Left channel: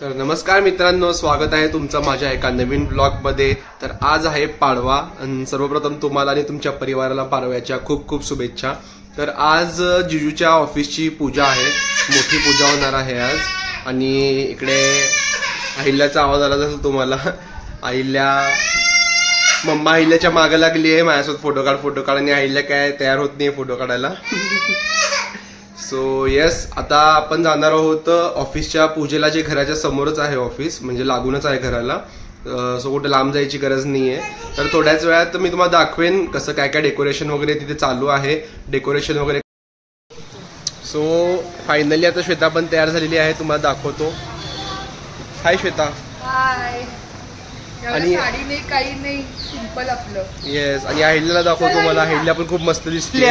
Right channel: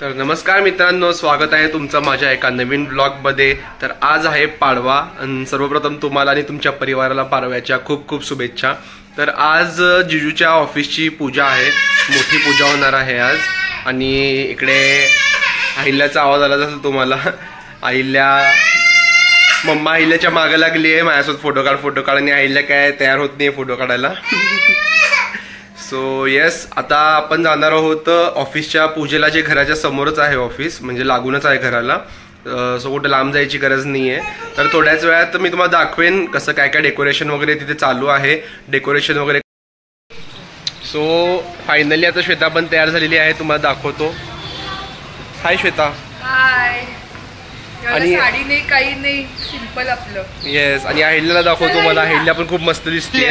तर नमस्कार मित्रांनो, स्वागत आहे तुमचं माझ्या एका नवीन ब्लॉगमध्ये। तर आज आहे पाडवा आणि सर्वप्रथम तुम्हाला आणि तुमच्या परिवाराला पाडव्याच्या खूप खूप शुभेच्छा। तर आज जिजूच्या ऑफिसची पूजा आहे, मोठी पूजा होणार आहे आज। आणि इकडे अहिल्याचा आवाज आला असेल तुम्हाला। मम्मा अहिल्याच्या मागे लागली आहे, माझ्यासोबत फोटो काढ आणि अहिल्या काय तयार होत नाही फोटो काढायला। सो येस, आता आपण जाणार आहोत ऑफिसच्या पूजेला, जे घराच्या समोरच आहे ऑफिस, म्हणजे लागूनच आहे घराला। सो कुठे लांब जायची गरज नाही आहे। तर थोड्याच वेळात मी तुम्हाला दाखवेन कसं काय काय डेकोरेशन वगैरे तिथे चालू आहे, डेकोरेशन वगैरे। सो फायनली आता श्वेता पण तयार झालेली आहे, तुम्हाला दाखवतो। हाय श्वेता। हाय। आणि साडी नाही, काही नाही, सिंपल आपलं। येस, आणि अहिल्याला दाखवतो। मला अहिल्या पण खूप मस्त दिसते।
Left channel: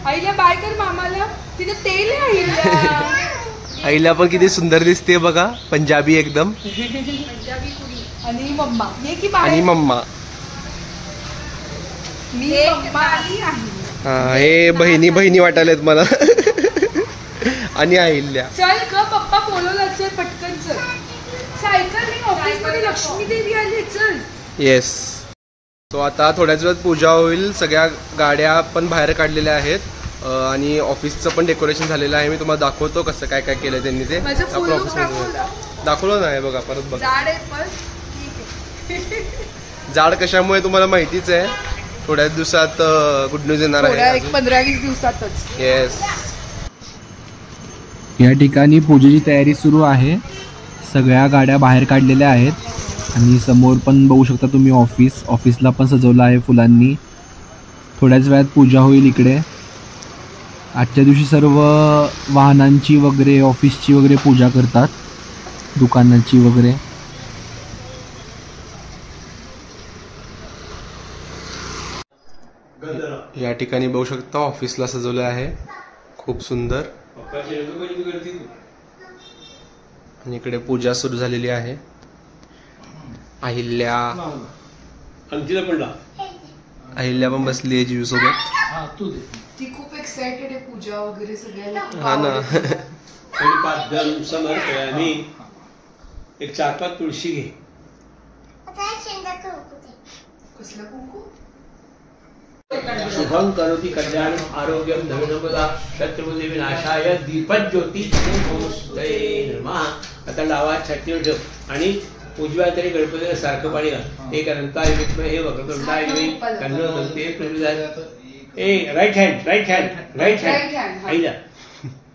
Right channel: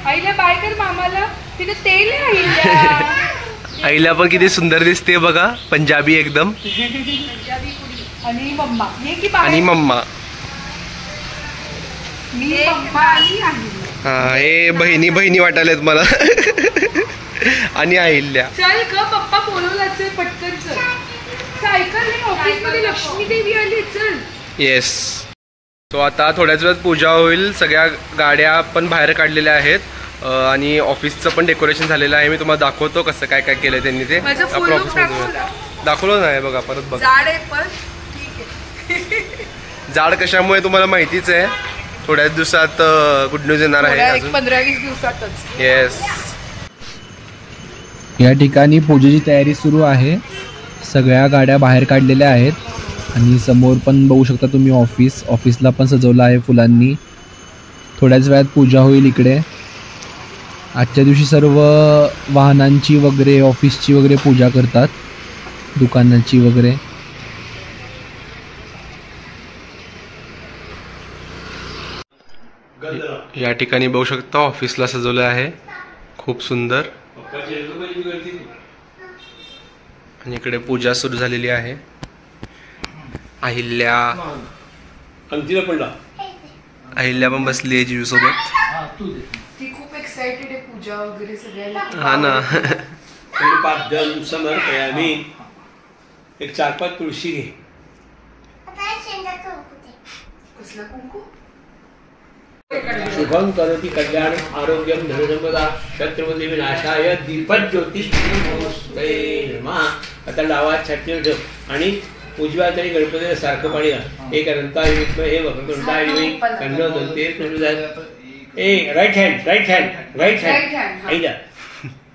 अहिल्या बाय कर मामाला, तिथे तेल आहे अहिल्या। अहिल्या पण किती सुंदर दिसते बघा, पंजाबी एकदम। पंजाबी कुडी आणि मम्मा ये की बाय, आणि मम्मा मी मम्मा आणि अहिल्या। हा, हे बहिणी बहिणी वाटायलेत मला। आणि अहिल्या चल ग, पप्पा बोलवला, चल पटकन चल। सायकल नाही, ऑफिस मध्ये लक्ष्मी देवी आली, चल। येस, सो आता थोड्याच वेळात पूजा होईल। सगळ्या गाड्या पण बाहेर काढलेल्या आहेत आणि ऑफिसचं पण डेकोरेशन झालेलं आहे। मी तुम्हाला दाखवतो कसं काय काय केलं त्यांनी ते। दाखवलं नाही बघा, परत बघा। जाड आहे पण ठीक आहे। जाड कशामुळे तुम्हाला माहितीच आहे, थोड्याच दिवसात गुड न्यूज येणार आहे, 15-20 दिवसातच। येस, या ठिकाणी पूजेची तयारी सुरू आहे। सगळ्या गाड्या बाहेर काढलेल्या आहेत आणि समोर पण बघू शकता तुम्ही ऑफिसला पण सजवलं आहे फुलांनी। थोड्याच वेळात पूजा होईल इकडे। आजच्या दिवशी सर्व वाहनांची वगैरे, ऑफिसची वगैरे पूजा करतात, दुकानांची वगैरे। या ठिकाणी बघू शकता ऑफिसला सजवलं आहे, खूप सुंदर। आणि इकडे पूजा सुरू झालेली आहे। अहिल्या पण बसली आहे जीजू सोबत। ती खूप एक्साइटेड आहे पूजा वगैरे सगळ्याला। हा ना। 5 जण समर्पयामी, एक 4-5 तुळशी घे। कसलं कुंकू? शुभं करोति कल्याणं आरोग्यं धनसंपदा शत्रुबुद्धी विनाशाय दीपज्योती नमः। आता डावा छातीवर ठेव आणि उजव्या तरी गणपतीला सारखं पाणी घाल। एक अनंताय विद्महे हे वक्रतुंडाय धीमहि तन्नो दन्ती प्रचोदयात्। राईट हँड आईला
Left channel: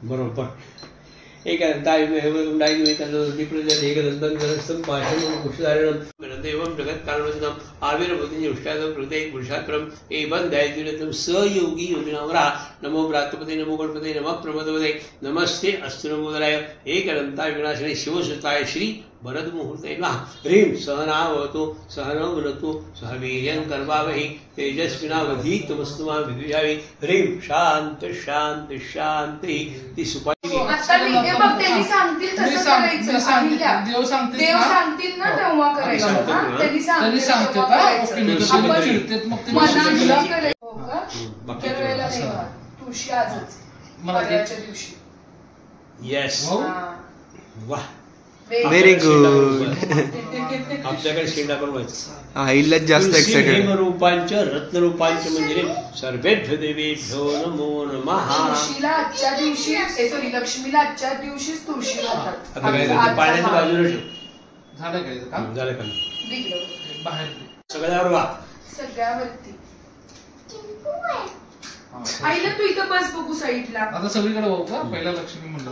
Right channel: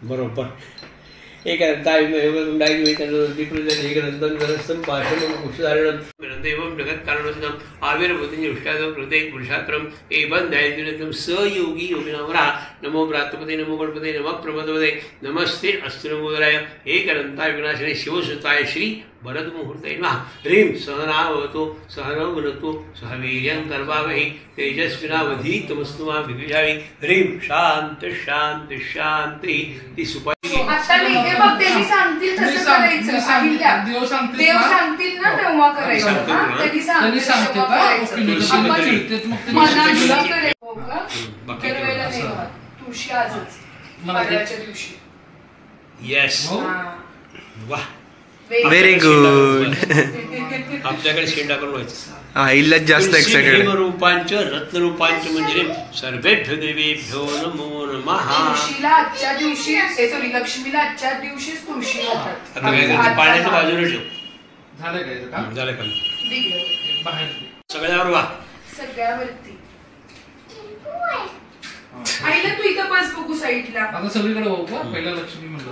बरोबर। एक अनंताय विद्महे वक्रतुंडाय धीमहि तन्नो दन्ती प्रचोदयात्। एक अनंतं गणस्थं पाशं कुशधारणं एवं जगत् कारणोऽस्तं आविर्भूतं उष्टादं प्रत्येक पुरुषात्रम एवं दैर्यं सयोगी योगिनामरा। नमो प्रातपते, नमो गणपते, नमः प्रमदपते, नमस्ते अस्तु नमोदराय। एक अनंताय विनाशिने शिवसुताय श्री वरद मुहूर्ते नमः। ह्रीं सहनावतु सहनौ भुनक्तु सह वीर्यं करवावहै तेजस्विनावधीतमस्तु मा विद्विषावहै। ह्रीं शांत शांत शांति। ती सुपारी आता लिहिते बघ, त्यांनी सांगतील तसं करायचं। अहिल्या देव सांगतील ना तेव्हा करायचं। त्यांनी सांगतील तेव्हा करायचं। मनाने करायचं हो का? दरवेळेला नाही होत। तुळशी आजच पाडव्याच्या दिवशी। यस, वाह, व्हेरी गुड। आपल्याकडे शेंडा पण व्हायचं। अहिल्याच जास्त एक्साइटेड। रूपांच रत्नरूपांच म्हणजे सर्वेभ्यो देवेभ्यो नमो नमः। तुळशीला आजच्या दिवशी, सॉरी, लक्ष्मीला आजच्या दिवशीच तुळशी घालतात। पाण्याच्या बाजूला ठेव। झालं काय काम? झालं काम, दिलं बाहेर सगळ्यावर वा, सगळ्यावरती। आईला तू इथं बस बघू साईडला। आता सगळीकडे होऊ का? पहिला लक्ष्मी म्हणलं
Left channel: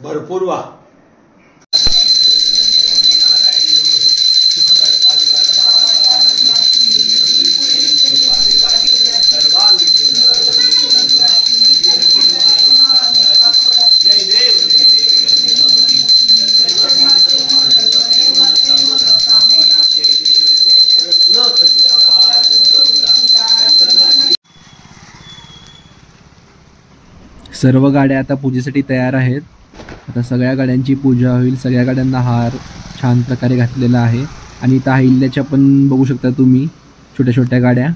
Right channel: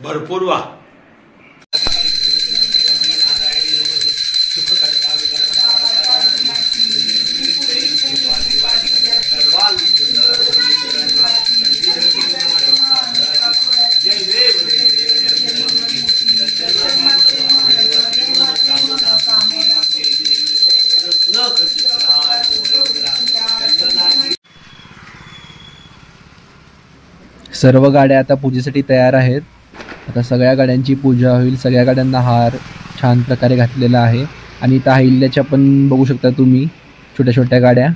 भरपूर वा। सर्व गाड्या आता पूजेसाठी तयार आहेत। आता सगळ्या गाड्यांची पूजा होईल। सगळ्या गाड्यांना हार छान प्रकारे घातलेला आहे। आणि इथं अहिल्याच्या पण बघू शकता तुम्ही छोट्या छोट्या गाड्या।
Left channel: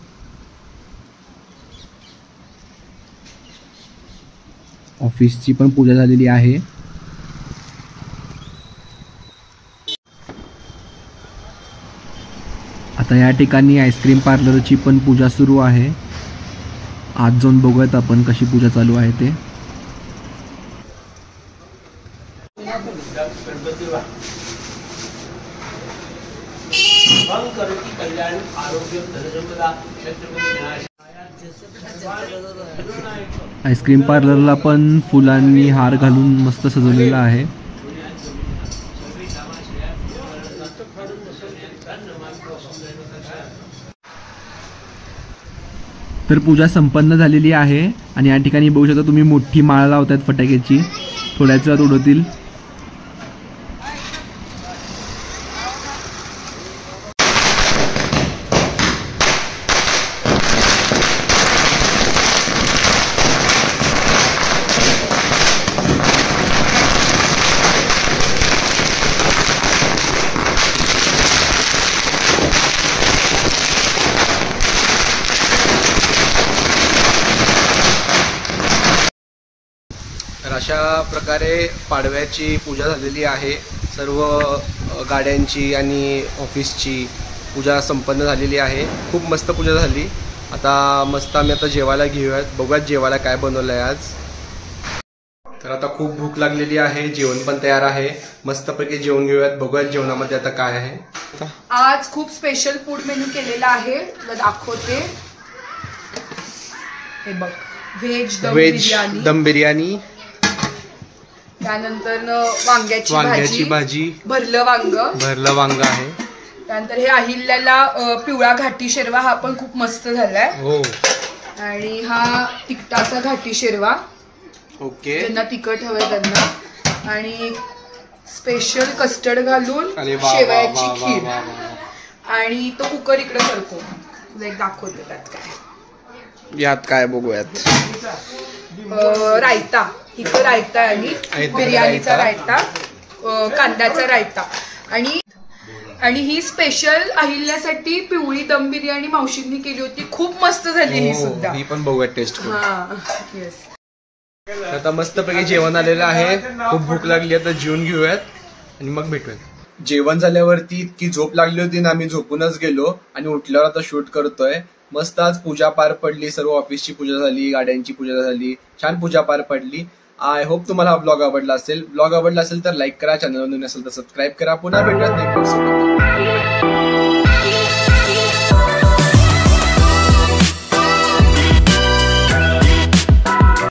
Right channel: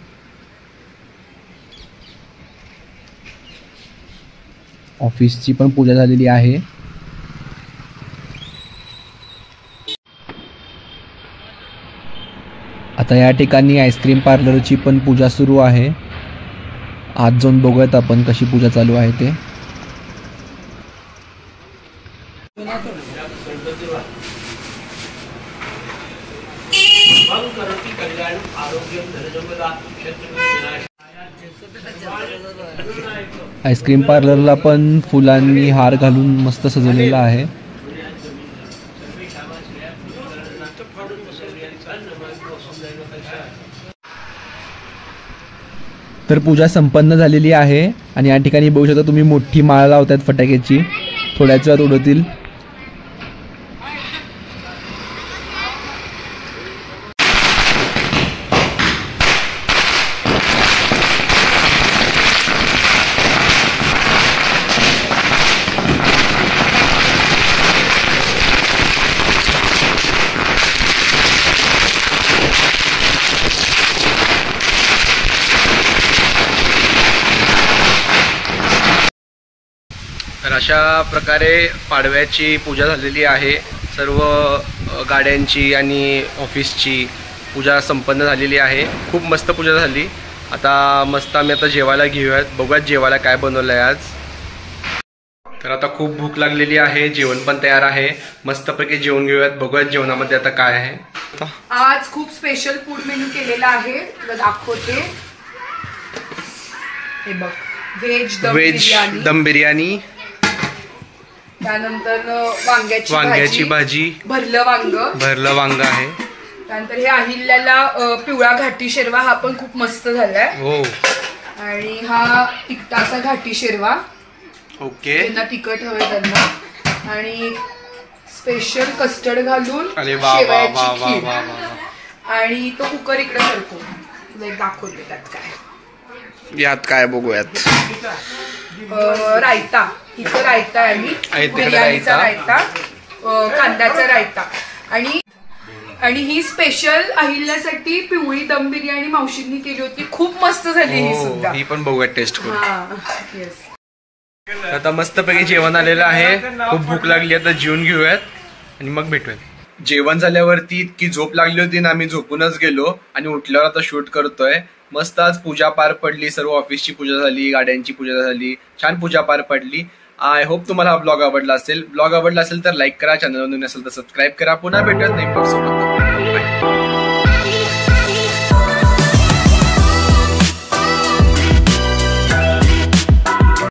ऑफिसची पण पूजा झालेली आहे। आता या ठिकाणी आईस्क्रीम पार्लरची पण पूजा सुरू आहे. आज जाऊन बघूयात आपण कशी पूजा चालू आहे ते. आईस्क्रीम पार्लरला पण फुलांनी हार घालून मस्त सजवलेला आहे. तर पूजा संपन्न झालेली आहे आणि या ठिकाणी बघू शकता तुम्ही मोठी माळ लावतात फटाक्याची. थोड्याच वेळात उडवतील. तर अशा प्रकारे पाडव्याची पूजा झालेली आहे. सर्व गाड्यांची आणि ऑफिसची पूजा संपन्न झालेली आहे. खूप मस्त पूजा झाली. आता मस्त आम्ही आता जेवायला घेऊयात. बघूयात जेवायला काय बनवलं आहे आज. तर आता खूप भूक लागलेली आहे. जेवण पण तयार आहे. मस्तपैकी जेवण घेऊयात. बघूयात जेवणामध्ये आता काय आहे. आज खूप स्पेशल फूड मेन्यू केलेला आहे. तुला दाखवते. हे बघ, व्हेज दम बिर्याणी, त्यानंतर वांग्याची भाजी, भरलं वांग आहे. त्यानंतर हे अहिल्याला पिवळा घाटी शेरवा, हा पण खूप मस्त झालाय. हो. आणि हा तिखटाचा घाटी शेरवा. ओके. त्यांना तिखट हवंय त्यांना. आणि स्पेशल कस्टर्ड घालून शेवयाची खीर. आणि तो कुकर इकडे सरको. तुला एक दाखवते त्यात काय. यात काय बघूयात. रायता. इथं रायता आणि बिर्याणीचा रायता, कांद्याचा रायता. आणि ही स्पेशल अहिल्यासाठी पिवळी दम बिर्याणी मावशींनी केली होती. खूप मस्त झाली ही सुद्धा. ही पण बघूयात टेस्ट करून. येस. आता मस्तपैकी जेवण आलेलं आहे. खूप भूक लागली. आता जेवून घेऊयात आणि मग भेटूयात. जेवण झाल्यावरती इतकी झोप लागली होती ना, आम्ही झोपूनच गेलो आणि उठल्यावर आता शूट करतोय. मस्त आज पूजा पार पडली. सर्व ऑफिसची पूजा झाली, गाड्यांची पूजा झाली. छान पूजा पार पडली. आय होप तुम्हाला हा ब्लॉग आवडला असेल. ब्लॉग आवडला असेल तर लाईक करा. चॅनलवर नवीन असेल तर सबस्क्राईब करा. पुन्हा भेटूयात नेक्स्ट ब्लॉग सोबत.